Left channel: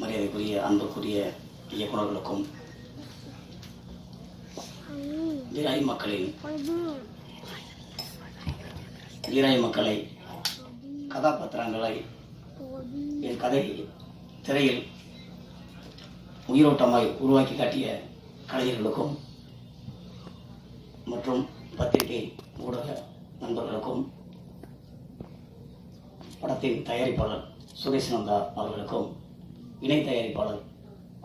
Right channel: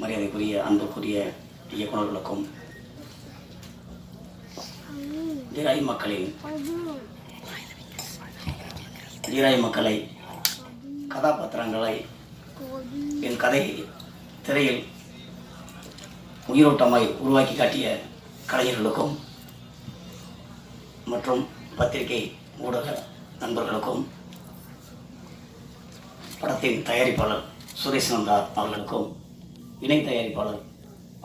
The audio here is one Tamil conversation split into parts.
மரியாதைக்குரிய அன்புக்குரிய இயக்குநர்களுக்கும் வீராய் மக்களின் வீராய் மக்களை கதாபாத்திரங்களை என் கதை திரையில் உயிரோட்டமாய் உருவாக்கி காட்டிய கலைஞர்களுக்கும் மற்றும் பத்திரிகை ஊடக நண்பர்களுக்கும் படத்தின் தயாரிப்பாளர் சுரேஷ் நந்தா அவர்களுக்கும் இணை தயாரிப்பாளர்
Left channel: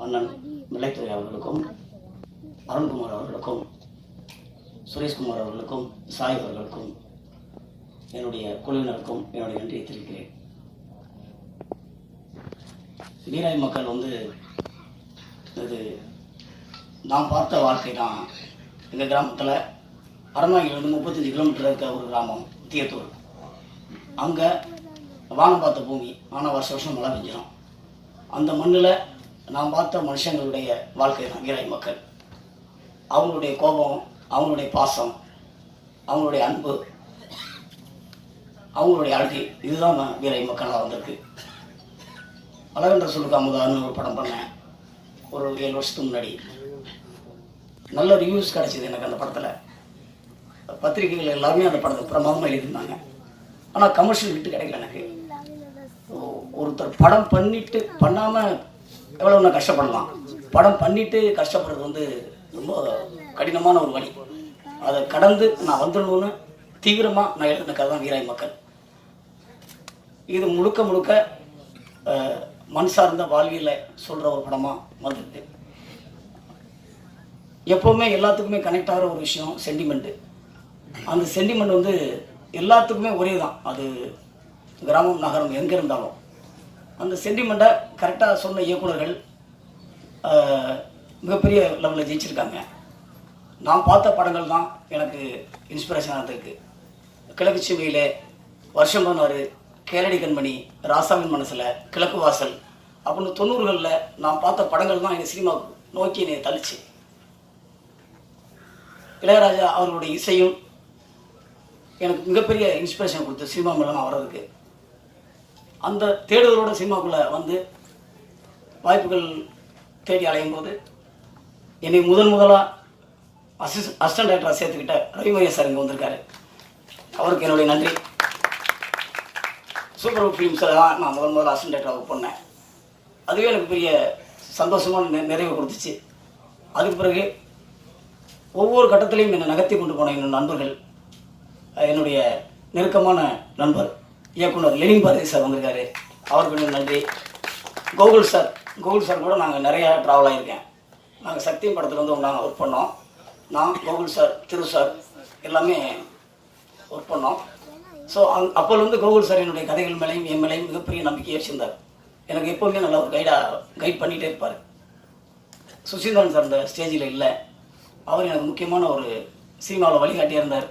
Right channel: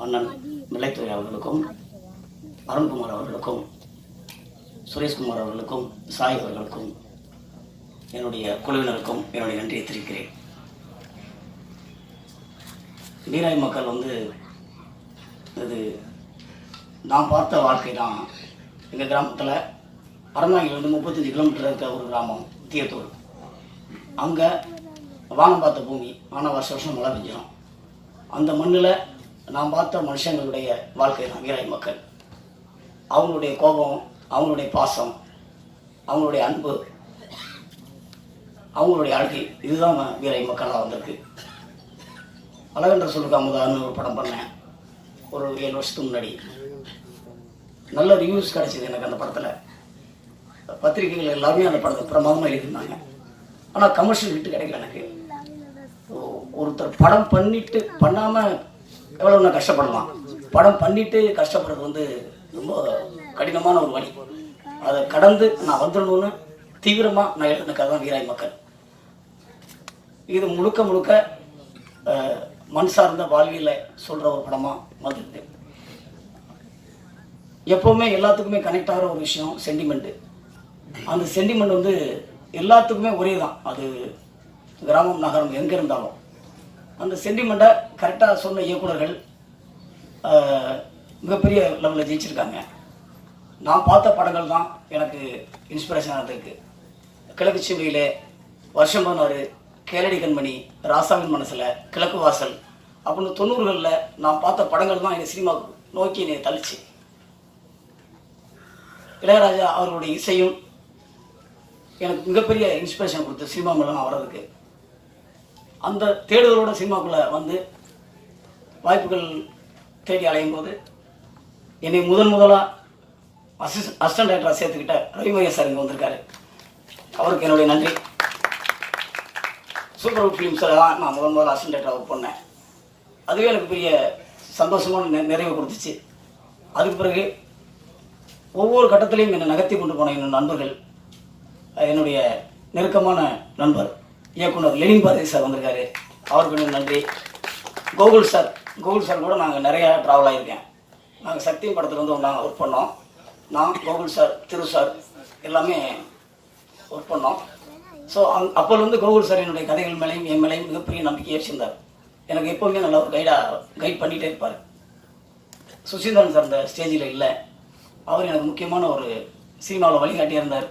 அண்ணன் மில்லைத்துறை அவர்களுக்கும் அருண்குமார் அவர்களுக்கும் சுரேஷ்குமார் அவர்களுக்கும் சாய் அவர்களுக்கும் என்னுடைய குழுவினருக்கும் என்னுடைய நன்றியை தெரிவிக்கிறேன். வீராய் மக்கள் வந்து இது நான் பார்த்த வாழ்க்கை தான். எங்கள் கிராமத்தில் பரமாயிலிருந்து முப்பத்தஞ்சு கிலோமீட்டர் இருக்க ஒரு கிராமம் தீயத்தூர். அங்கே வானம் பார்த்த பூமி வானம் வருஷ வருஷம் மழை பெஞ்சிடும் அந்த மண்ணில் நான் பார்த்த மனுஷங்களுடைய வாழ்க்கை தான் வீராய் மக்கள். அவங்களுடைய கோபம் அவங்களுடைய பாசம் அவங்களுடைய அன்பு அவங்களுடைய அழகு இதுதான் நான் வீராய் மக்களாக வந்திருக்கு. அழகன்ற சொல்லுக்கு அமுதான்னு ஒரு படம் பண்ணேன். ஒரு ஏழு வருஷத்துக்கு முன்னாடி. நல்ல ரிவ்யூஸ் கிடச்சிது எனக்கு அந்த படத்தில். பத்திரிகைகள் எல்லாருமே அந்த படத்தை பிரமாதமாக எழுதியிருந்தாங்க. ஆனால் கமர்ஷியல் ஹிட் கிடைக்கல எனக்கு. ஒருத்தர் படம் பண்ணிட்டு பண்ணாமல் எவ்வளோ நான் கஷ்டப்படலாம். படம் பண்ணிட்டு கஷ்டப்படுறது வந்து ரொம்ப கடினமான ஒரு வழி. அதை கடந்து நான் வந்துடணும்னு தீவிரமாக நான் எழுதின கதை தான் வீராய் மக்கள். இது முழுக்க முழுக்க மண் சார்ந்த வாழ்வியலை சொல்ற ஒரு படமா வந்திருக்கு எப்பவுமே எல்லாத்துக்குமே கனெக்ட் ஆகிற ஒரு விஷயம் சென்டிமெண்ட் அந்த சென்டிமெண்ட் வந்து எல்லாத்துக்குமே ஒரே தான். அது கிராமம் நகரம் எங்க இருந்தாலும். அந்த சென்டிமெண்ட்டை கரெக்டாக சொன்ன இயக்குனர்கள் மிகப்பெரிய லெவலில் ஜெயிச்சிருக்காங்க. நான் பார்த்த படங்கள் தான் எனக்கு இன்ஸ்பிரேஷன் ஆனதுக்கு கிழக்கு சிவையில் வருஷம் போனாரு கேரடி கண்மணி ராசாவின் மனசில் கிழக்கு வாசல் அப்படின்னு தொண்ணூறுகளில் நான் பார்த்த படங்கள் தான் எனக்கு சினிமா நோக்கி என்னை தள்ளிச்சு. இளையராஜா அவர்களுடைய இசையும் எனக்கு மிகப்பெரிய இன்ஸ்பிரேஷன் கொடுத்து சினிமா மூலமாக வர்றதுக்கு. அந்த தேடுதலோட சினிமாக்குள்ள வந்து வாய்ப்புகள் தேடி அலையும் போது என்னை முதன் முதலா அசிஸ் அசிஸ்டன்ட் டைரக்டராக சேர்த்துக்கிட்ட ரவிமரியா சார் இங்கே வந்திருக்காரு. அவருக்கு என்னுடைய நன்றி. சூப்பர் ஃபிலிம்ஸில் தான் நான் முதன் முதல்ல அசிஸ்டன்ட் டைரக்டராக பண்ணேன் அதுவே எனக்கு பெரிய சந்தோஷமான நெ- நிறைவு கொடுத்துச்சு. அதுக்கு பிறகு ஒவ்வொரு கட்டத்திலையும் என்னை நகர்த்தி கொண்டு போன என் நண்பர்கள் என்னுடைய நெருக்கமான நண்பர் இயக்குனர் லெனின் பாரதி சார் வந்திருக்காரு. அவருக்கு நன்றி. கோகுல் சார் கோகுல் சார் கூட நாங்கள் நிறையா ட்ராவல் ஆகியிருக்கேன் நாங்கள் சக்தி படத்தில் வந்து நாங்கள் ஒர்க் பண்ணோம். நான் கோகுல் சார் திரு சார் எல்லாமே ஒர்க் பண்ணோம். ஸோ அப்போலேருந்து கோகுல் சார் என்னுடைய கதைகள் மேலேயும் என் மேலேயும் மிகப்பெரிய நம்பிக்கையை வச்சிருந்தார். எனக்கு எப்போவுமே நல்லா ஒரு கைடாக கைட் பண்ணிகிட்டே இருப்பார். சுசீந்திரன் சார் இந்த ஸ்டேஜில் இல்லை. அவர் எனக்கு முக்கியமான ஒரு சினிமாவில் வழிகாட்டியாக இருந்தார்.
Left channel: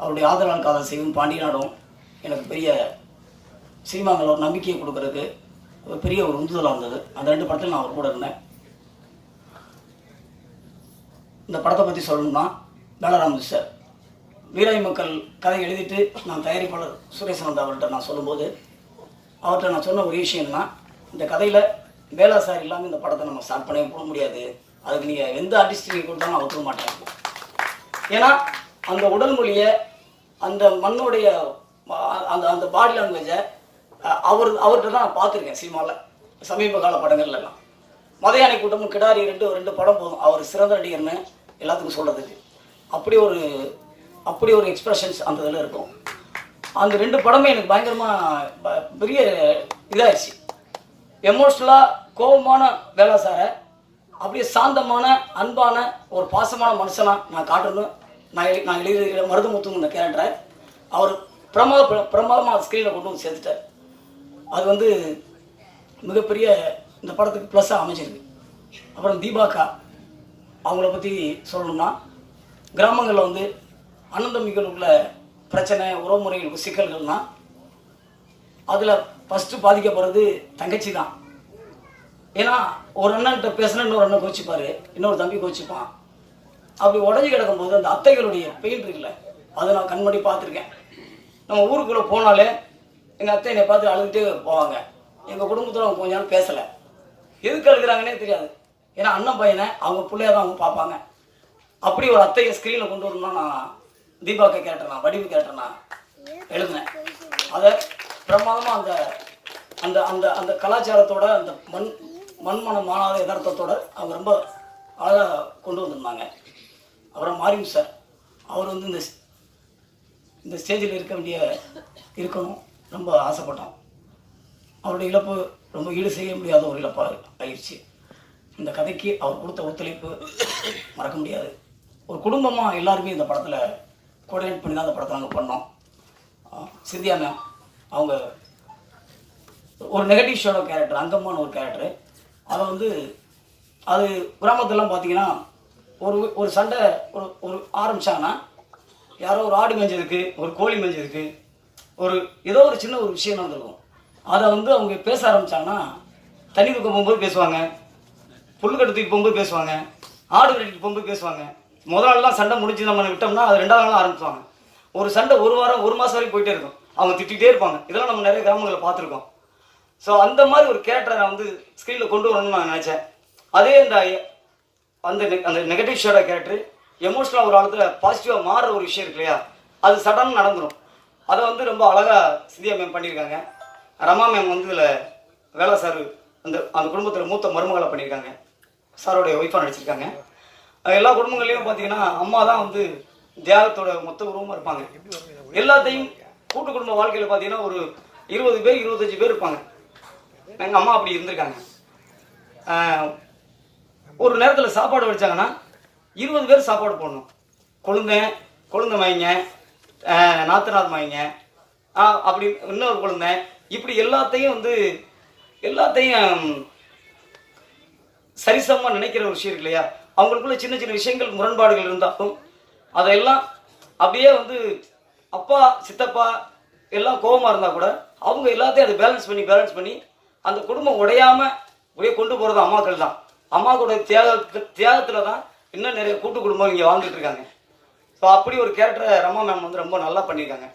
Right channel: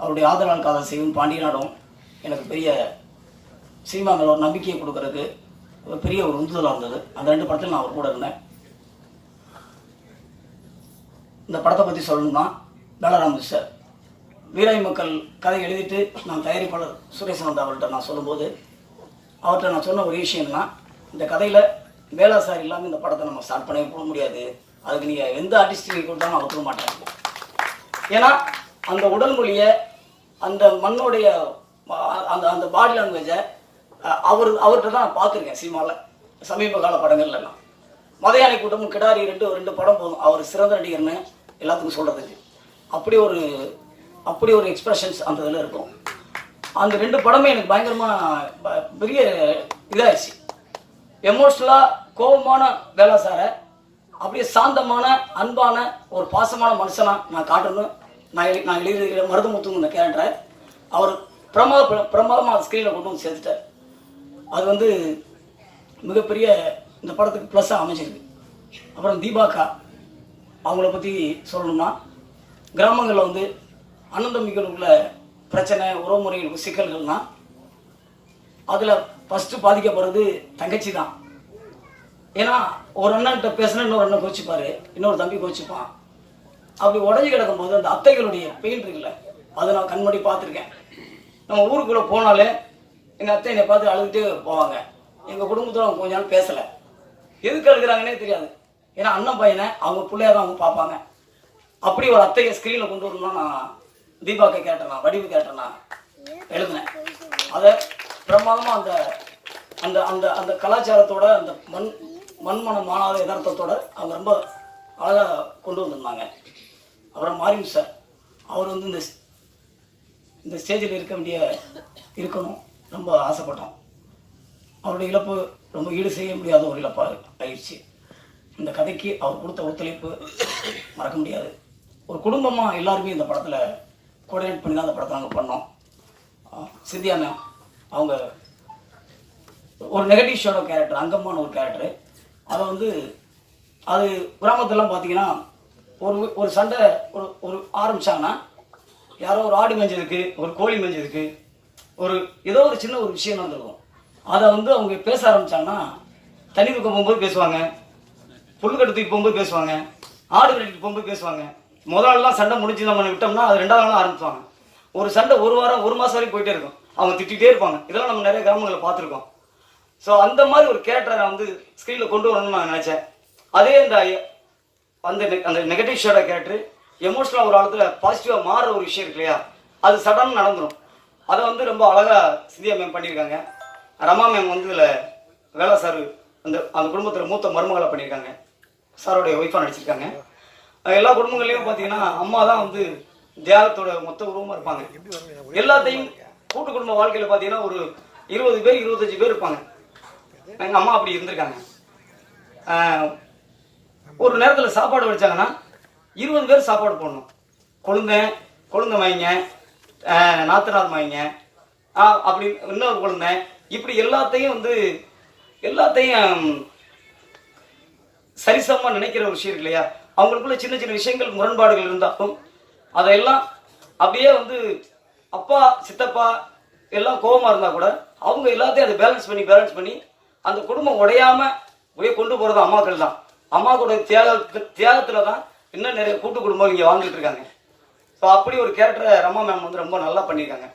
அவருடைய ஆதரவால் காதல் செய்யும் பாண்டியனாடும் எனக்கு பெரிய சினிமா மேலே ஒரு நம்பிக்கையை கொடுக்கறதுக்கு ஒரு பெரிய ஒரு உந்துதலாக இருந்தது. அந்த ரெண்டு படத்தில் நான் அவர் கூட இருந்தேன். இந்த படத்தை பற்றி சொல்லணும்னா பலராம் சார். வீராய் மக்கள் கதை எழுதிட்டு நான் தயாரிப்பாளர் சுரேஷ் அவர்கிட்ட நான் சொல்லும்போது அவர்கிட்ட நான் சொன்ன ஒரு விஷயம்னா இந்த கதையில் வேளா சார் இல்லாமல் இந்த படத்தை நம்ம ஸ்டார்ட் பண்ணி போட முடியாது. அதுக்கு நீங்கள் எந்த ஆர்டிஸ்ட் கொடுத்தாலும் நான் ஒத்துக்க மாட்டேன். ஏன்னா அந்த உடல் மொழியை அந்த மண்ணுடைய அந்த அந்த பாடி லாங்குவேஜை அவர் அவர்கிட்ட தான் பார்த்துருக்கேன் சினிமாவில் சமீப கால படங்கள்லாம் மதையானை கூட்டமும் கிடாரி ரெண்டு ரெண்டு படம் போதும் அவர் சிறந்த நடிகர்னு எல்லாத்துக்கும் சொல்கிறதுக்கு அப்படி ஒரு அப்படி ஒரு எக்ஸ்பிரஷன்ஸ் அந்த இதில் இருக்கும். அந்த ரெண்டு படமே எனக்கு பயங்கரமாக பெரிய இதாகிடுச்சு எமோஷ்னலாக கோபமான வேலாசாரை அப்படியே சாந்தமான அன்பான ஒரு பாசமான மனுஷனாக நான் காட்டணும் நான் நான் எழுதி மருதமுத்துன்னு கேரக்டரை அவர் பிரமாத பிரமாதமாக ஸ்க்ரீனில் கொண்டு வந்து சேர்த்துட்டார். அது வந்து மிகப்பெரிய இந்த படத்துக்கு ப்ளஸ்ஸாக அமைஞ்சிருக்கு. அப்புறம் தீபாக்கா அவங்கள பற்றி சொல்லணும்னா கிராமங்களில் வந்து அனந்தமிகள் உள்ள பிரச்சனை உறவுமுறைகளுக்கு சிக்கல்கள்னா அதில் ஃபஸ்ட்டு பாதிக்கப்படுறது தங்கச்சி தான். ஏன்னா ஒரு அண்ணன்ட்ட பேசினா இன்னொரு அண்ணன் கோச்சிப்பாரு இன்னொரு தம்பி கோச்சிப்பான் அப்படி உடஞ்சி கிடக்கும்போது அந்த அத்தைகளுடைய பெயின் இருக்குல்ல அதை நான் கண்மணி பார்த்துருக்கேன். நம்ம ஊருக்குள்ளே போனாலே எங்கள் அத்தை என்னை பார்த்து அழுதுகிட்டே போவாங்க. எங்கள் குடும்பத்தில் அவங்க கொஞ்ச நாள் பேசலை. எதுக்கு அழுகிறாங்கன்னே தெரியாது. ஏன்னா அண்ணன் பையனை அவங்க பிள்ளையா தான் அவங்க பார்ப்பாங்க. அப்படி ஒரு அத்தையை ஸ்க்ரீனில் கொண்டு வரணும்னா நான் தீபாக்கை கேட்டேனா வடிவு கேட்டேனா எழுதினேன். அதை பிரமாதமாக அந்த அந்த அந்த அந்த கலாச்சாரத்தோட அந்த மண் மண்மனம் மாணாத யதார்த்தத்தோட அவர் ரொம்ப அழகாக கொண்டு வந்திருந்தாங்க. அப்புறம் மாரியம் சார் அவர் வந்து இந்த இந்த ஸ்டேஜில் இருக்க வேண்டிய இருக்கணும். ரொம்ப ஆசைப்பட்டோம். அவருடைய இழப்பு ரொம்ப ஈடு செய்ய முடியாத ஒரு இழப்பாக ஆயிடுச்சு இந்த கதைக்கு அவர் கொடுத்த ஒத்துழைப்பு மறக்க முடியாது. ஒரு குடும்பமாக எல்லாருமே இந்த படத்தில் கோஆர்டினேட் பண்ணி தான் அந்த படத்தை நாங்கள் பண்ணோம். சிந்தியா மேம் அவங்க ஒரு நெகட்டிவ் ஷோட கேரக்டர் அங்கம்மான ஒரு கேரக்டர் அதை வந்து அது கிராமத்துலலாம் பார்த்தீங்கன்னா ஒரு ஒரு சண்டை ஒரு ஒரு ஆரம்பித்தாங்கன்னா யாரோ ஒரு ஆடு மேய்ஞ்சதுக்கு ஒரு கோழி மேய்ஞ்சதுக்கு ஒரு ஏதோ ஒரு சின்ன ஒரு விஷயம் நடந்திருக்கும். அதை வந்து அவங்க பேச ஆரம்பிச்சாங்கன்னா தண்ணி கொடுக்க போகும்போது பேசுவாங்க புல்லு கட்டுக்கு போகும்போது பேசுவாங்க ஆடு கட்டிக்கு போகும்போது பேசுவாங்க. முதல் நாள்லாம் சண்டை முடிஞ்சு நம்ம விட்டோம்னா அது ரெண்டாவது நாள் ஆரம்பிச்சுவாங்க ஒரு சண்டை ஒரு வாரம் ஒரு மாதம் வரைக்கும் போயிட்டே இருக்கும். அவங்க திட்டிகிட்டே இருப்பாங்க. இதெல்லாம் நம்ம நிறைய கிராமங்களில் பார்த்துருக்கோம். ஸோ அந்த மாதிரி ஒரு கேரக்டரை நான் வந்து ஸ்க்ரீனில் கொண்டு வரணும்னு நான் நினச்சேன். அதே இந்த அந்த அந்த நெகட்டிவ் ஷேடோ கேரக்டர் எமோஷனலாக ஒரு ஆளத்துல பாசிட்டிவாக மாறுற ஒரு விஷயம் இருக்கு இல்லையா? அது சடன் நடந்துடும் அதை வந்து ரொம்ப அழகாக சிந்தியா மேம் பண்ணியிருக்காங்க. ரமா மேம் வந்து இதில் வேலை சார் அந்த அந்த குடும்பத்தில் மூத்த மருமகளை பண்ணியிருக்காங்க. சாரோடைய ஒய்ஃபாக நடிச்சிருக்காங்க. எல்லா குடும்பங்கள்லையும் பார்த்தீங்கன்னா அம்மா தான் வந்து தியாகத்தோட மொத்த உருவமாக இருப்பாங்க. எல்லாத்தையும் கூட்டு குடும்ப வாழ்க்கையில் பார்த்தீங்கன்னா ஒரு இருபது பேர் இருபத்தஞ்சு பேர் இருப்பாங்க. எங்கள் அம்மா அப்படி இருந்திருக்காங்க. ஒரு நேரத்தில் சாப்பாடு வச்சாங்கன்னா இருபது பேர் சாப்பாடு போடணும். கொழுந்தை கொழுந்தை வாங்கிங்க ஆஹ் நாத்தனார் அப்படி இன்னொரு குழந்தை இப்படி எல்லாத்தையும் வந்து எல்லாத்தையும் சரிசமமாக நினைக்கிற ஒரு விஷயம் இருக்கு இல்லையா? அவங்களுக்குள்ள சின்ன சின்ன விஷயங்கள் முரண்பாடுகள் இருந்தாலும் அதையெல்லாம் அப்படியே வந்து அப்பா சித்தப்பா எல்லாம் கோபமாக இருந்தால் கூட அவங்க எல்லாத்தையும் அதை பேலன்ஸ் பண்ணி பேலன்ஸ் பண்ணி அந்த குடும்பம் உடையாம அப்படியே கொண்டு போகிறது அம்மாக்கள் தான் அம்மா கூட தியாக தியாகத்தில் தான் இன்னும் நிறைய கூட்டு குடும்பம் இங்கே வாழ்ந்துட்டு இருக்காங்க. ஸோ அப்படி ஒரு கேரக்டரை ரமா மேம் வந்து ரொம்ப நல்லா பண்ணியிருக்காங்க.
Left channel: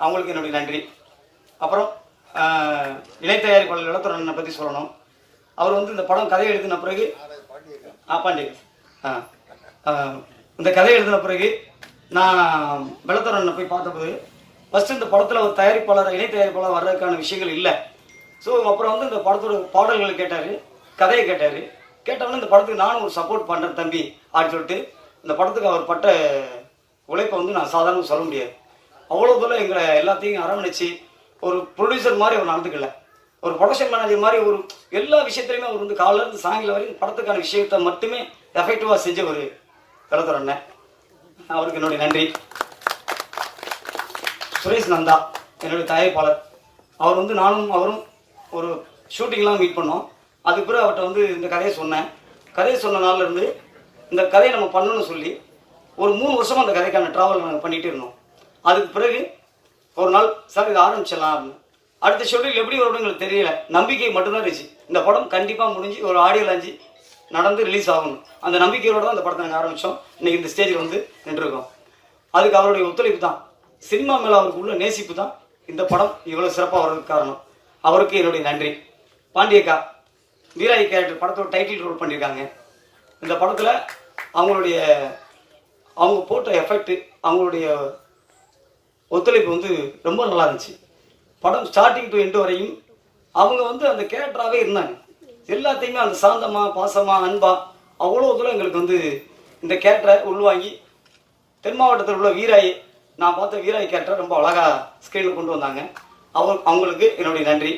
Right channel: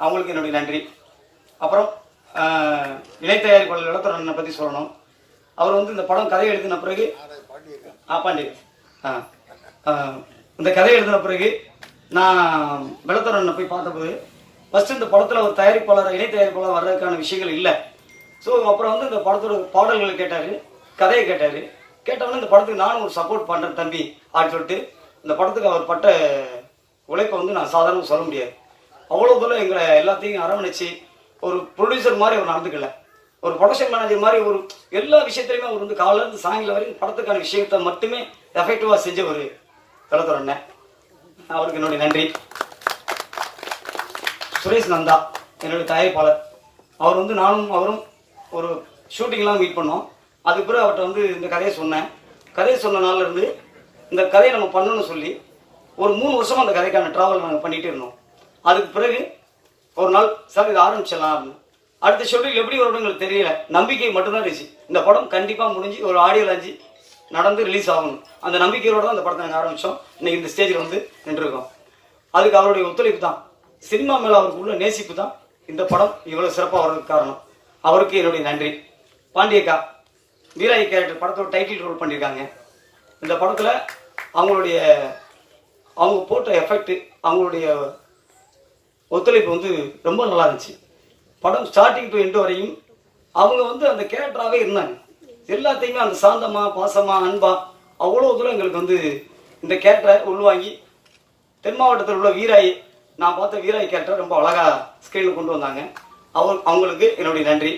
அவங்களுக்கு என்னுடைய நன்றி. அப்புறம் ஆஹ், இணை தயாரிப்பாளர் பற்றி சொல்லணும். அவர் வந்து இந்த படம் கதை எழுதின பிறகு ஆ பாண்டி ஆ இந்த கதை எழுதின பிறகு நான் இளத்தரனை போய் பார்த்தபோது ஃபஸ்ட்டு இந்த படத்தில் ஒரு தயாரிப்பாளர் இணை தயாரிப்பாளர் வர்றதுக்கான விஷயங்கள் இல்லை. ஸோ அப்புறம் வந்து இந்த படத்தோட பாடல்களை கேட்டார் கதையை கேட்டார். கேட்டவங்க இந்த படத்துக்கு நானும் ஒரு சப்போர்ட் பண்ணுறேன் தம்பி அப்படின்னு சொல்லிட்டு இந்த படத்துக்கு அவர் பட்ட உழைப்பை வந்து நான் சாதாரண சொல்ல முடியாது. அவ்வளோ தூரம் எங்களை எல்லாத்தையும் அரவணைச்சு ஒரு ப்ரொடியூசர் மாதிரி அவர் நடந்துக்கல. ஒரு ப்ரொடக்ஷன் மேனேஜர் மாதிரி ஒரு எல்லா விஷயத்துலையுமே அவர் வந்து காலையில சாயங்காலம் வரையும் படத்துக்கான விஷயத்த மட்டுமே எஃபெக்டிவாக செஞ்ச ஒரு கலத்தர் அண்ணன் அவருக்கு என்னுடைய நன்றி. சுரேஷ் நந்தா என்னுடைய தயாரிப்பாளர். அவர் வந்து நானும் அவரும் ஒரு ஷூட்டிங்லாம் மீட் பண்ணோம். அதுக்கு பிறகு அவர்கிட்ட வந்து இந்த கதையை சொன்னேன். கதையை சொன்ன நாள்ல இருந்து இந்த கதையை நம்ம பண்ணணும்னு சொல்லி ஒரு மூணு வருஷமா அந்த கதைக்கான டிராவல் நாங்கள் பண்ணிட்டு இருந்தோம். அதுக்கு பிறகு ஒரு நாள் சார் இதை ஆரம்பிச்சிடலாம். அப்படின்னு. அடுத்த ஷெட்யூல் எப்படி வரும்னு எங்களுக்கு தெரியல. நம்பிக்கை மட்டும்தான் இருந்துச்சு. இந்த படம் கண்டிப்பா முடிஞ்சு ஒரு ஆடியோ லாஞ்சி நடந்து ரிலீஸ் ஆகணும். அந்த நம்பிக்கையோட தான் அந்த படத்தை நாங்கள் ஆரம்பிச்சோம். இன்னைக்கு இந்த ஸ்டேஜில் வந்து நின்றுருக்கோம். அதுக்கு அவருடைய ஒத்துழைப்பு தான். சினிமா மேல அவருக்கு உள்ள நேசிப்பு தான். இந்த படம் இவ்வளவு சிறப்பாக வர்றதுக்கு காரணம். அவருக்கு என்னுடைய நன்றி. பாண்டியக்கா வீராய் கேரக்டர் படத்தோட டைட்டில் ரோல் பண்ணியிருக்காங்க இந்த படத்தில் அவங்களுடைய அவங்க போட்ட எஃபெக்ட் அவங்களுடைய ஒத்துழைப்பு வந்து ரொம்ப நல்லா இருந்துச்சு. படம் ஸ்டார்டிங் டு எண்டு வரையும் அவங்க வந்து அந்த கேரக்டராகவே இருந்தாங்க. எல்லாத்தையுமே அந்த சாந்தமா பாசமாக அன்பா அவ்வளோ தூரம் எங்களுக்கு வந்து இந்த கேரக்டரை உள்வாங்கி தென் மாவட்டத்தில் உள்ள வீராய் நான் பார்த்த வீராய் கேரக்டர் ரொம்ப அழகாக ஸ்கிரீனில் கொண்டு வந்தாங்க. அவங்க அவங்களுக்கு என்னுடைய நன்றி.